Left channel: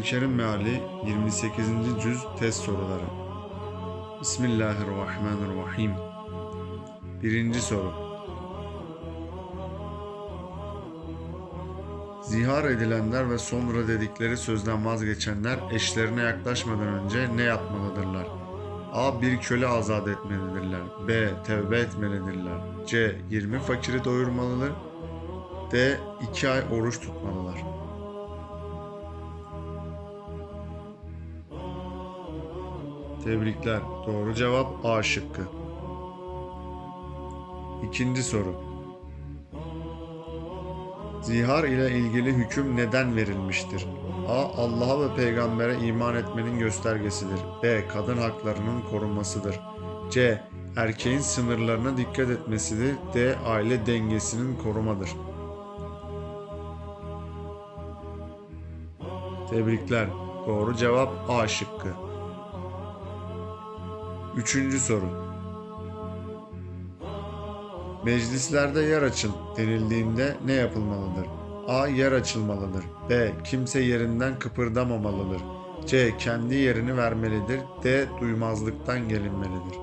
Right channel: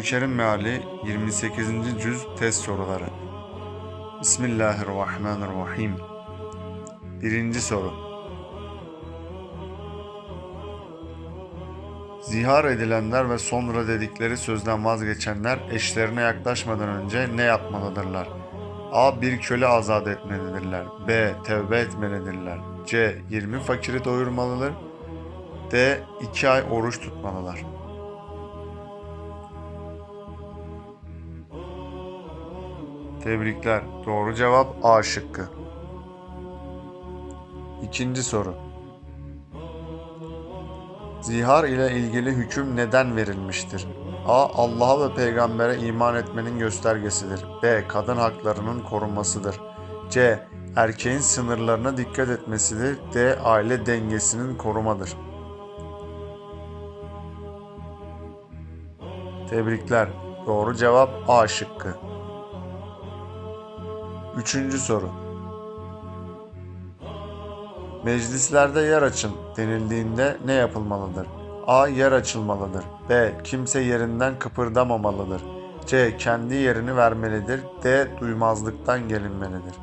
Kur'an-ı Meali 28. Cüz Test Soruları Bismillahirrahmanirrahim Birinci soru Zihar edilenler ve sonra dedikleri sözden vazgeçenler eşlerine yaklaşmadan önce ne yapmalıdırlar? A. Bir köle azat etmelidirler. B. Tevbe etmelidirler. C. 20 fakiri doyurmalıdır. D. 2 ay oruç tutmalılar. Tebrikler. Doğru cevap A şıkkı. İkinci soru. Zihar ile ilgili hüküm neden verilmiştir? A. Allah'a ve peygambere iman etmenin göstergesidir. B. Kadın haklarının korunmasıdır. C. Erkeğin sınırlarına dikkat etmesidir. D. Aile dengesinin korumadır. Tebrikler. Doğru cevap A şıkkı. Üçüncü soru. Meclislerde yer açın denildiğinde ne yapılmalıdır? A. Yer açılmalıdır. B. Kimse yerinden kıpırdamamalıdır. C. Kendi yerini vermelidir. D. Duymazlıktan gelinmelidir.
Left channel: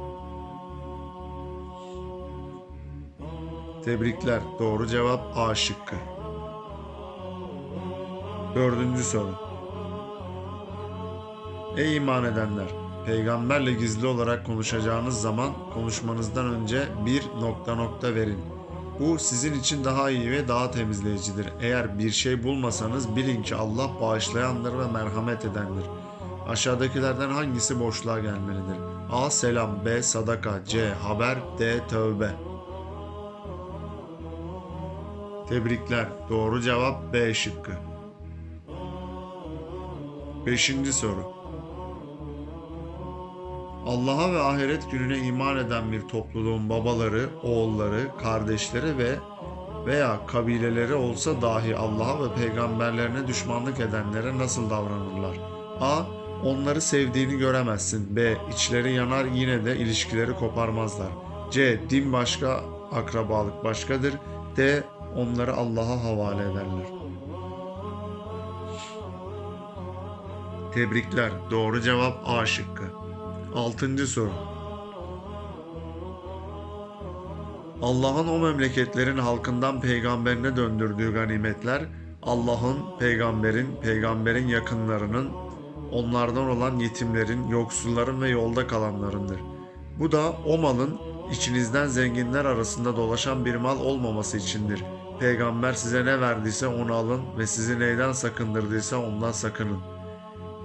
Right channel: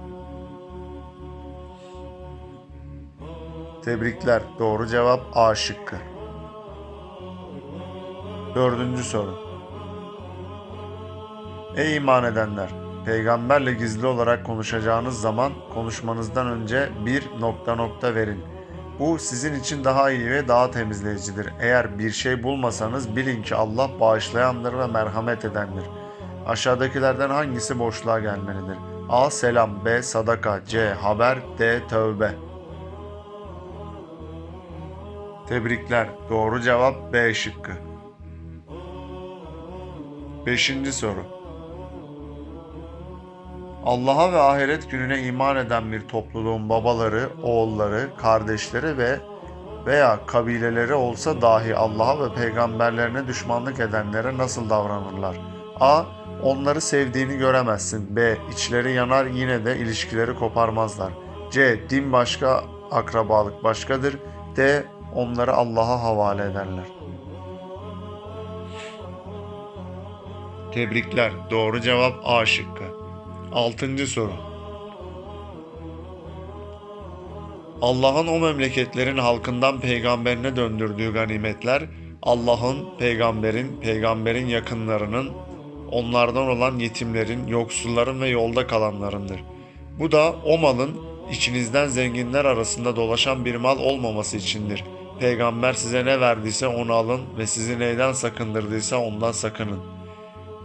Tebrikler. Doğru cevap A şıkkı. Dördüncü soru. Ey iman edenler! Peygamberle gizli olarak konuşacağınız zaman konuşmanızdan önce bir nokta nokta verin. Bu sizin için daha iyi ve daha temizleyicidir. Eğer bir şey bulmasanız bilin ki Allah bağışlayandır ve merhamet edendir. Aşağıdakilerden hangisi boşluğa gelmelidir? A. Selam B. Sadaka C. Haber D. Tövbe Tebrikler. Doğru cevap B şıkkı. Beşinci soru. Allah'a ve ahiret gününe iman eden bir topluluğun babaları, oğulları, kardeşleri ve veya kabileleri olsa dahi Allah'a ve peygamberlerine düşmanlık edenlere nasıl davranırlar? A. Onları sevdiğini göremezsin. B. İçleri yanar yine de ilişkileri koparmazlar. C. Din başka, akrabalık başkadır. D. Onları Allah'a havale ederler. Tebrikler. Doğru cevap A şıkkı. Altıncı soru. Allah'ın o memleketlerin halkından peygamberine döndürdüğü ganimetler Allah'ın, peygamberin, peygamberin yakınlarının, onlardan olan yetimlerin, yoksulların ve yolda kalanlarındır. Bu da o malın içinizden zenginler arasında dolaşan bir mal olmaması içindir. Peygamber size ne verdiyse onu alın ve sizi neyden sakındırdıysa ondan sakının.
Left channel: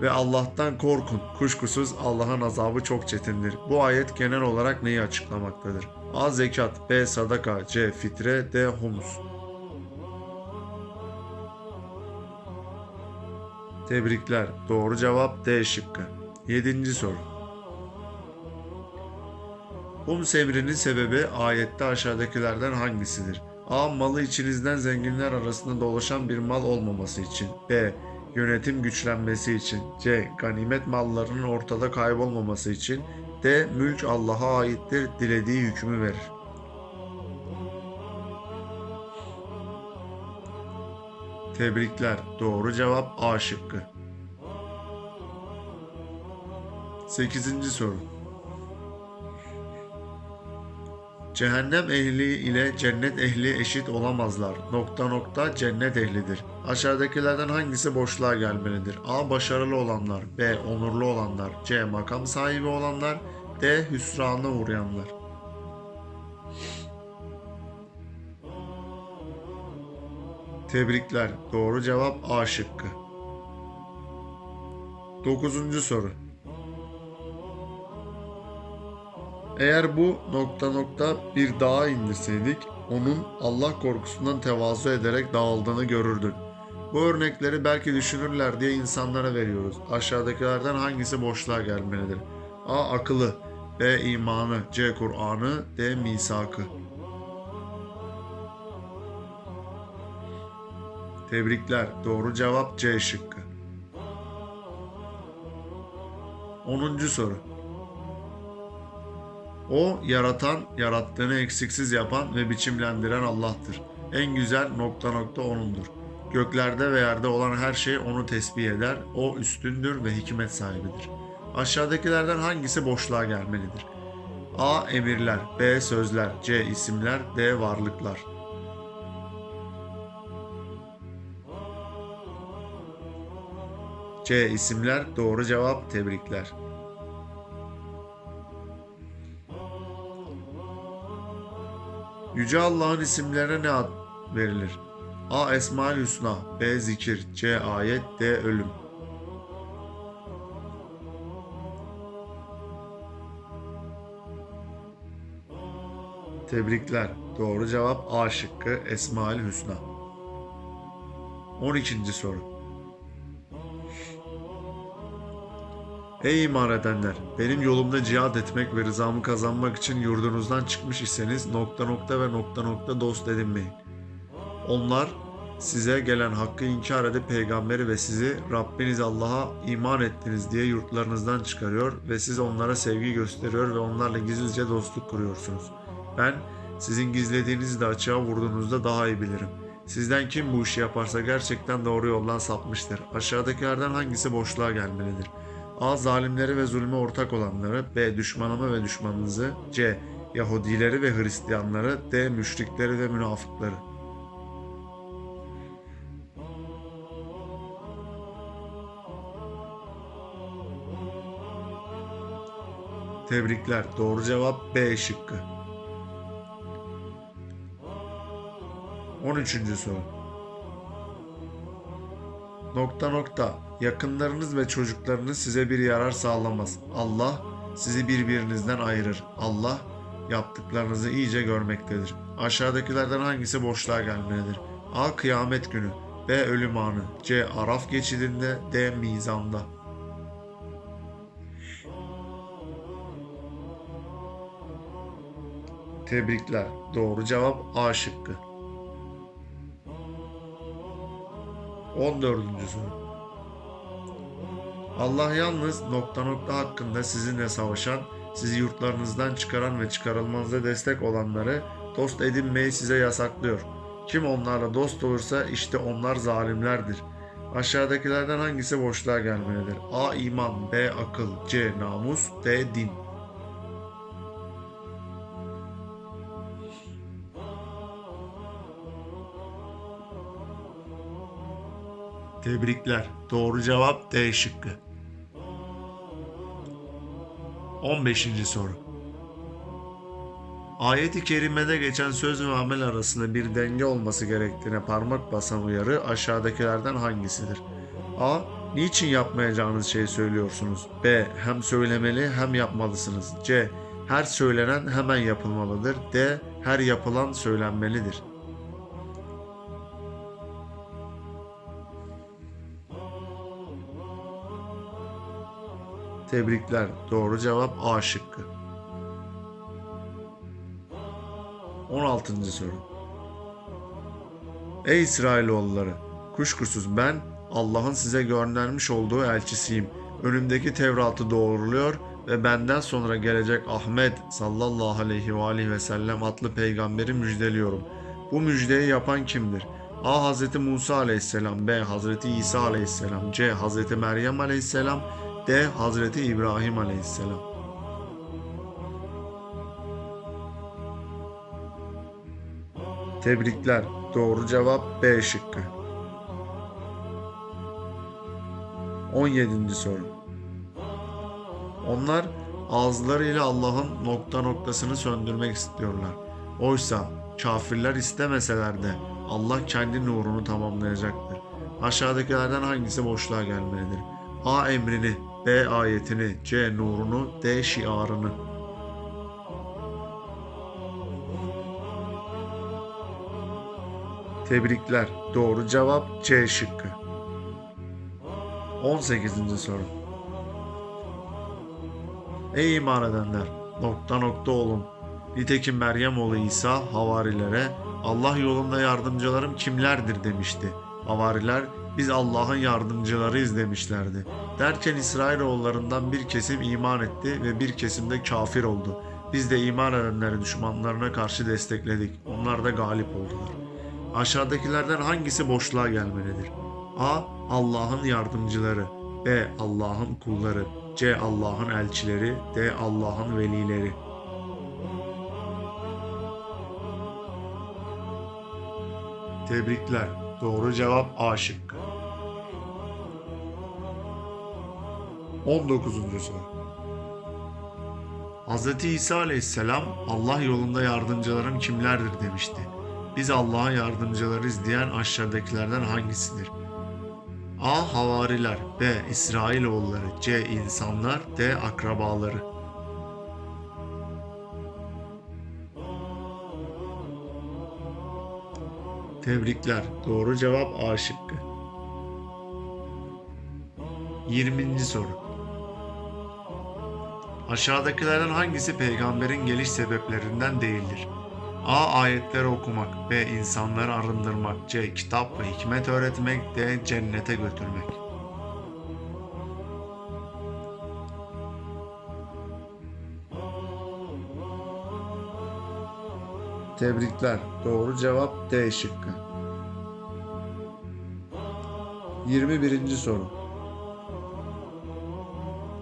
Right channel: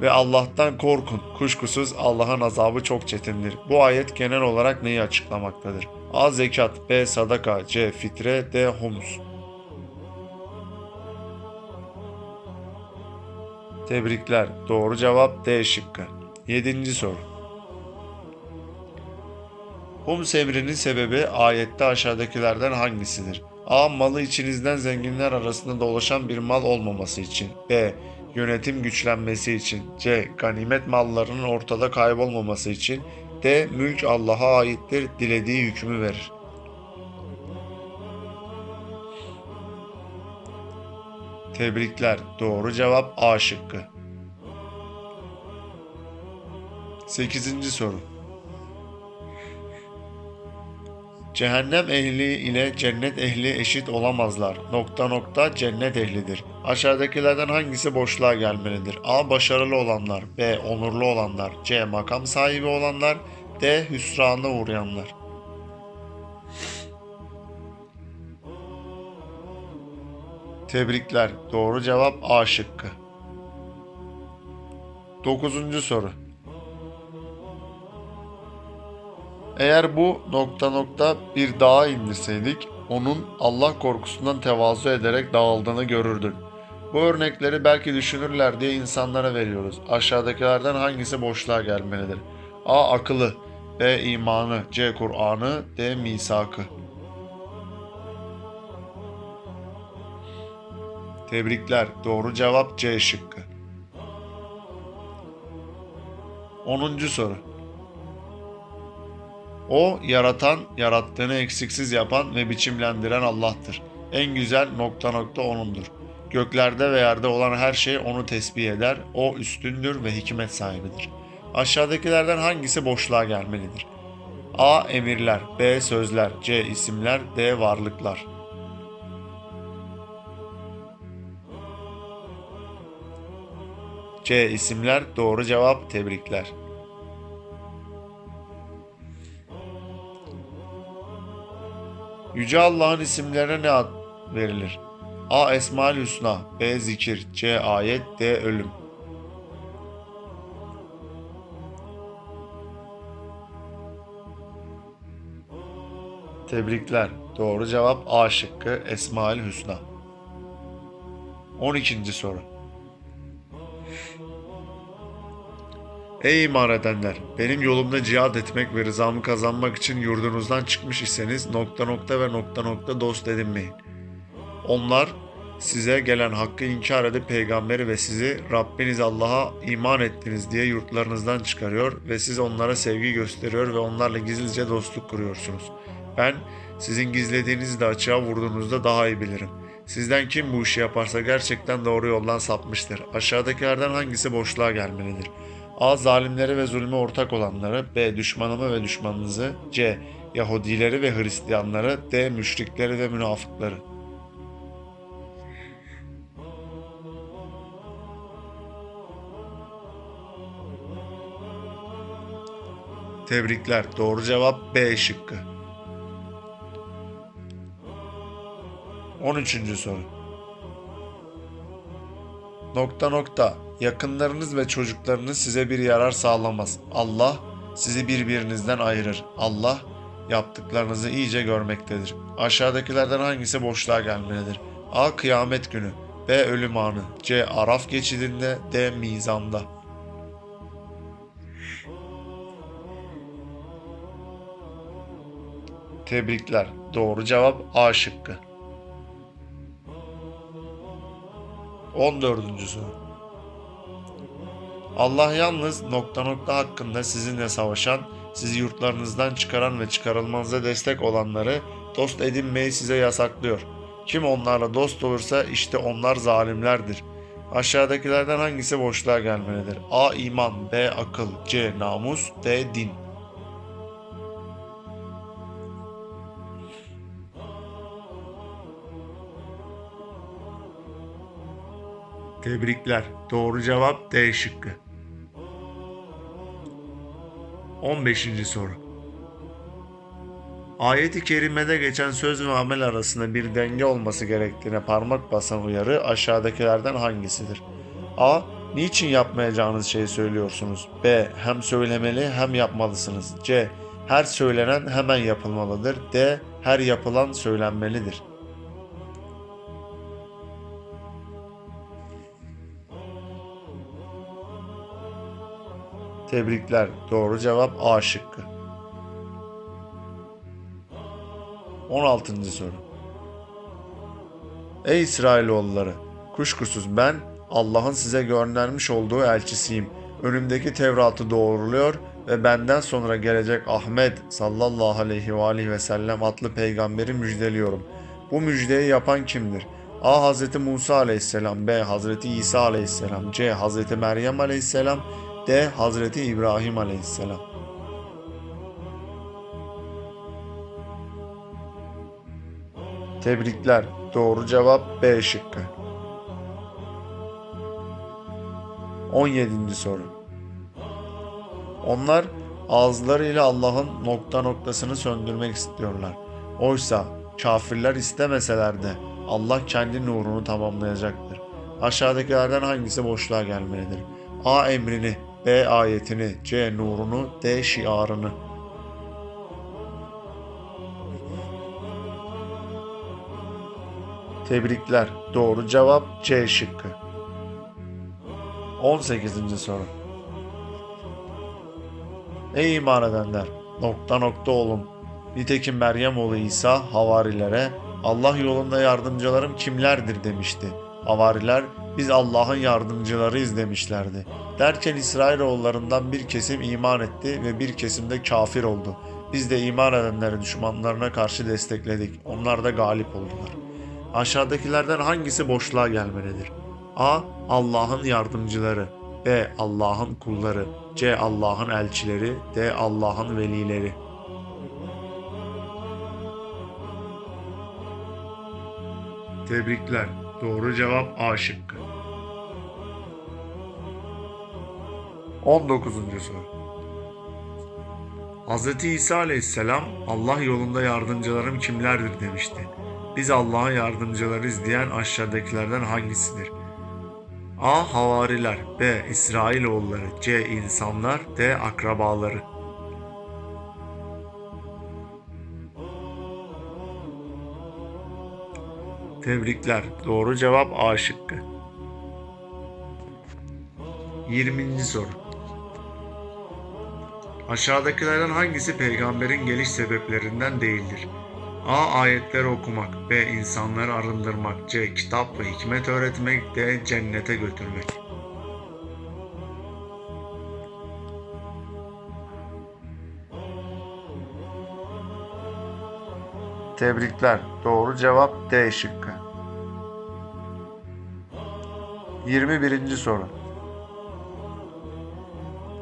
Ve Allah'tan korkun. Kuşkusuz Allah'ın azabı çok çetindir. Bu ayet genel olarak neyi açıklamaktadır? A. Zekat B. Sadaka C. Fitre D. Humus Tebrikler. Doğru cevap D şıkkı. 7. soru. Hums emrinin sebebi ayette aşağıdakilerden hangisidir? A. Malı içinizden zenginler arasında dolaşan bir mal olmaması için. B. Yönetim güçlenmesi için. C. Ganimet mallarının ortada kaybolmaması için. D. Mülk Allah'a aittir. Dilediği hükmü verir. Tebrikler. Doğru cevap A şıkkı. 8. soru. Cehennem ehli ile cennet ehli eşit olamazlar. Nokta nokta cennet ehlidir. Aşağıdakilerden hangisi boşluğa gelmelidir? A. Başarılı olanlar. B. Onurlu olanlar. C. Makam sahibi olanlar. D. Hüsrana uğrayanlar. Tebrikler. Doğru cevap A şıkkı. 9. soru. Eğer bu nokta nokta bir dağa indirseydik onun Allah korkusundan tevazu ederek dağıldığını görürdük. Bu örnekleri belki düşünürler diye insanlara veriyoruz. Aşağıdakilerden hangisi boşluğa gelmelidir? A. Akıllı B. imanı C. Kur'an'ı D. Misakı Tebrikler. Doğru cevap C şıkkı. 10. soru. O yaratan, yarattığını eksiksiz yapan ve biçimlendiren Allah'tır. En güzel nokta nokta O'nundur. Göklerde ve yerde olan her şey onu tesbih eder. O üstündür ve hikmet sahibidir. Aşağıdakilerden hangisi boşluğa gelmelidir? A. Emirler B. Sözler C. isimler D. Varlıklar C. isimler doğru cevap tebrikler. Yüce Allah'ın isimlerine ne ad verilir? A. Esmaül Hüsna B. Zikir C. Ayet D. Ölüm Tebrikler. Doğru cevap A şıkkı Esmaül Hüsna. 12. soru. Ey iman edenler! Benim yolumda cihad etmek ve rızamı kazanmak için yurdunuzdan çıkmış iseniz nokta nokta ve nokta nokta dost edinmeyin. Onlar size gelen hakkı inkar edip peygamberi ve sizi Rabbiniz Allah'a iman ettiniz diye yurtlarınızdan çıkarıyor ve siz onlara sevgi gösteriyor ve onlarla gizlice dostluk kuruyorsunuz. Ben sizin gizlediğinizi de açığa vurduğunuzda daha iyi bilirim. Sizden kim bu işi yaparsa gerçekten doğru yoldan sapmıştır. Aşağıdakilerden hangisi boşluğa gelmelidir? A. Zalimleri ve zulme ortak olanları B. Düşmanımı ve düşmanınızı C. Yahudileri ve Hristiyanları D. Müşrikleri ve münafıkları Tebrikler. Doğru cevap B şıkkı. 13. soru. Nokta nokta. Yakınlarınız ve çocuklarınız size bir yarar sağlamaz. Allah sizi birbirinizden ayırır. Allah yaptıklarınızı iyice görmektedir. Aşağıdakilerden hangisi boşluğa gelmelidir? A. Kıyamet günü B. Ölüm anı C. Araf geçidinde D. Mizanda Tebrikler. Doğru cevap A şıkkı. 14. soru. Allah yalnız nokta nokta hakkında sizinle savaşan, sizi yurtlarınızdan çıkaran ve çıkarılmanıza destek olanları dost edinmeyi size yasaklıyor. Kim onlarla dost olursa işte onlar zalimlerdir. Aşağıdakilerden hangisi boşluğa gelmelidir? A. iman B. Akıl C. Namus D. Din Tebrikler. Doğru cevap D şıkkı. 15. soru. Ayet-i kerimede geçen söz ve amel arasında bir denge olması gerektiğine parmak basan uyarı aşağıdakilerden hangisidir? A. Niçin yapmayacağınız şeyi söylüyorsunuz? B. Hem söylemeli hem yapmalısınız. C. Her söylenen hemen yapılmalıdır. D. Her yapılan söylenmelidir. Tebrikler. Doğru cevap A şıkkı. 16. soru. Ey İsrailoğulları! Kuşkusuz ben Allah'ın size göndermiş olduğu elçisiyim. Önümdeki Tevrat'ı doğruluyor ve benden sonra gelecek Ahmet sallallahu aleyhi ve aleyhi ve sellem adlı peygamberi müjdeliyorum. Bu müjdeyi yapan kimdir? A. Hz. Musa aleyhisselam B. Hz. İsa aleyhisselam C. Hz. Meryem aleyhisselam D. Hazreti İbrahim Aleyhisselam. Tebrikler. Doğru cevap B şıkkı. 17. soru. Onlar ağızlarıyla Allah'ın nokta noktasını söndürmek istiyorlar. Oysa kafirler istemeseler de Allah kendi nurunu tamamlayacaktır. Aşağıdakilerden hangisi boşluğa gelmelidir? A emrini, B ayetini, C nurunu, D şiarını. Tebrikler. Doğru cevap C şıkkı. 18. soru. Ey iman edenler! Nokta nokta olun. Nitekim Meryem oğlu İsa havarilere Allah yolunda yardımcılarım kimlerdir demişti. Havariler biz Allah'ın yardımcılarıyız demişlerdi. Derken İsrailoğullarından bir kesim iman etti ve bir kesim de kafir oldu. Biz de iman edenleri düşmanlarına karşı destekledik. Onlar da galip oldular. Aşağıdakilerden hangisi boşluğa gelmelidir? A. Allah'ın yardımcıları B. Allah'ın kulları C. Allah'ın elçileri D. Allah'ın velileri Tebrikler. Doğru cevap A şıkkı. 19. soru. Hz. İsa aleyhisselam Allah yolunda yardımcılarım kimlerdir demişti. Biz Allah'ın yardımcılarıyız diyen aşağıdakilerden hangisidir? A. Havariler B. İsrailoğulları C. insanlar D. Akrabaları Tebrikler. Doğru cevap A şıkkı. 20. soru. Aşağıdakilerden hangisi peygamberin geliş sebeplerinden değildir? A. Ayetleri okumak B. insanları arındırmak C. Kitap ve hikmet öğretmek D. Cennete götürmek Tebrikler. Doğru cevap D şıkkı. 21. soru.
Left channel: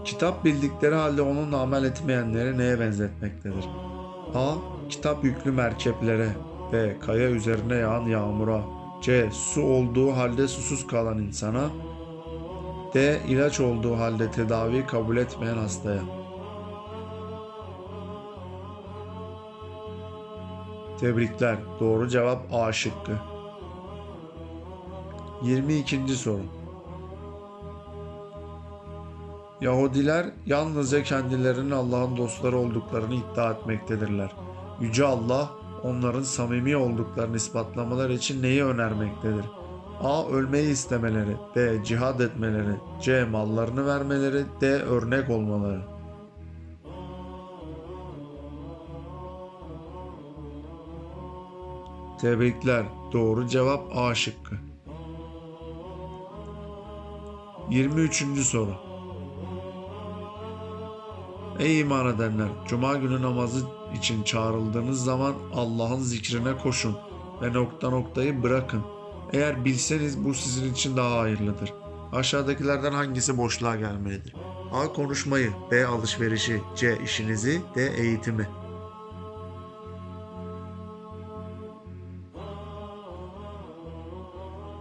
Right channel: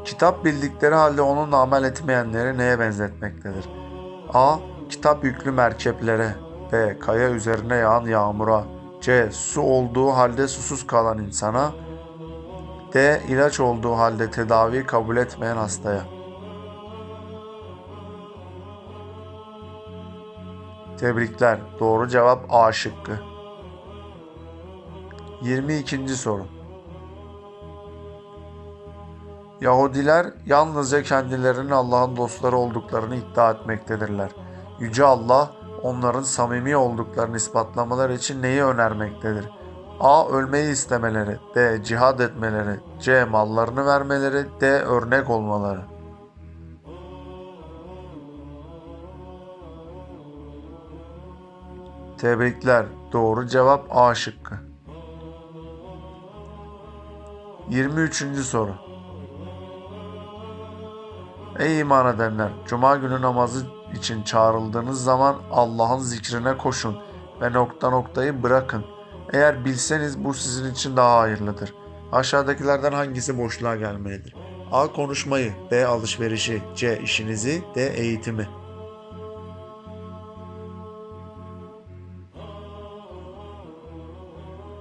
Kitap bildikleri halde onunla amel etmeyenleri neye benzetmektedir? A. Kitap yüklü merkeplere B. Kaya üzerine yağan yağmura C. Su olduğu halde susuz kalan insana D. ilaç olduğu halde tedavi kabul etmeyen hastaya Tebrikler. Doğru cevap A şıkkı. 22. soru. Yahudiler yalnızca kendilerinin Allah'ın dostları olduklarını iddia etmektedirler. Yüce Allah onların samimi olduklarını ispatlamaları için neyi önermektedir? A. Ölmeyi istemeleri B. Cihad etmeleri C. Mallarını vermeleri D. Örnek olmaları Tebrikler. Doğru cevap A şıkkı. 23. soru. Ey iman edenler! Cuma günü namazı için çağrıldığınız zaman Allah'ın zikrine koşun ve nokta noktayı bırakın. Eğer bilseniz bu sizin için daha hayırlıdır. Aşağıdakilerden hangisi boşluğa gelmelidir? A. Konuşmayı B. Alışverişi C. işinizi D. Eğitimi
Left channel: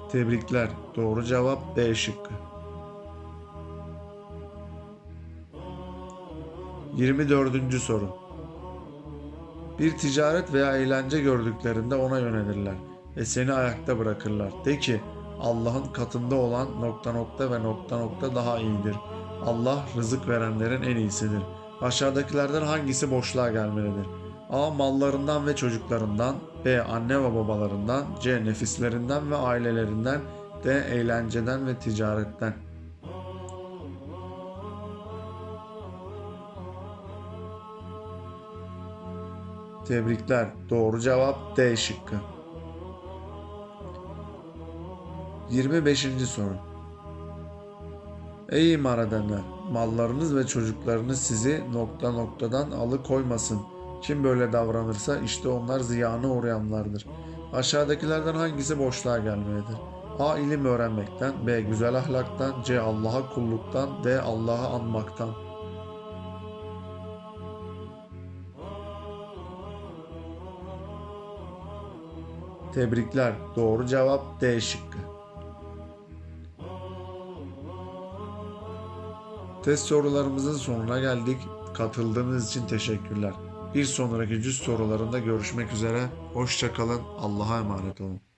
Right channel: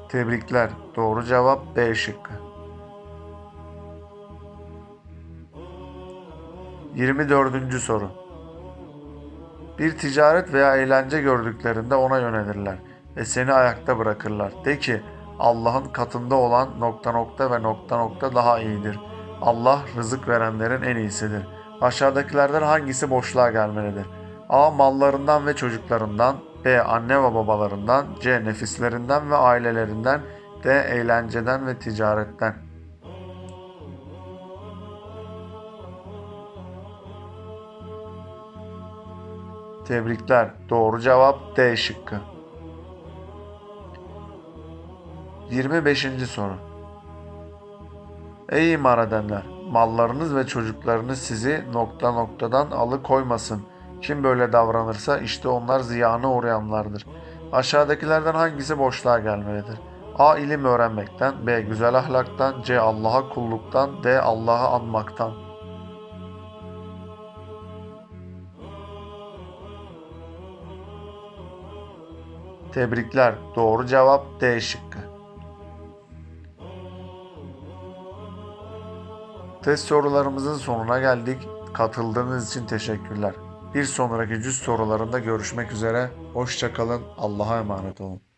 Tebrikler. Doğru cevap B şıkkı. 24. soru. Bir ticaret veya eğlence gördüklerinde ona yönelirler ve seni ayakta bırakırlar. De ki Allah'ın katında olan nokta nokta ve nokta nokta daha iyidir. Allah rızık verenlerin en iyisidir. Aşağıdakilerden hangisi boşluğa gelmelidir? A. Mallarından ve çocuklarından B. Anne ve babalarından C. Nefislerinden ve ailelerinden D. Eğlenceden ve ticaretten Tebrikler. Doğru cevap D şıkkı. 25. soru. Ey iman edenler! Mallarınız ve çocuklarınız sizi nokta noktadan alıkoymasın. Kim böyle davranırsa işte onlar ziyana uğrayanlardır. Aşağıdakilerden hangisi boşluğa gelmelidir? A. ilim öğrenmekten B. Güzel ahlaktan C. Allah'a kulluktan D. Allah'ı anmaktan Tebrikler. Doğru cevap D şıkkı. Test sorularımızın sonuna geldik. Katıldığınız için teşekkürler. Bir sonraki cüz sorularında görüşmek üzere. Hoşçakalın. Allah'a emanet olun.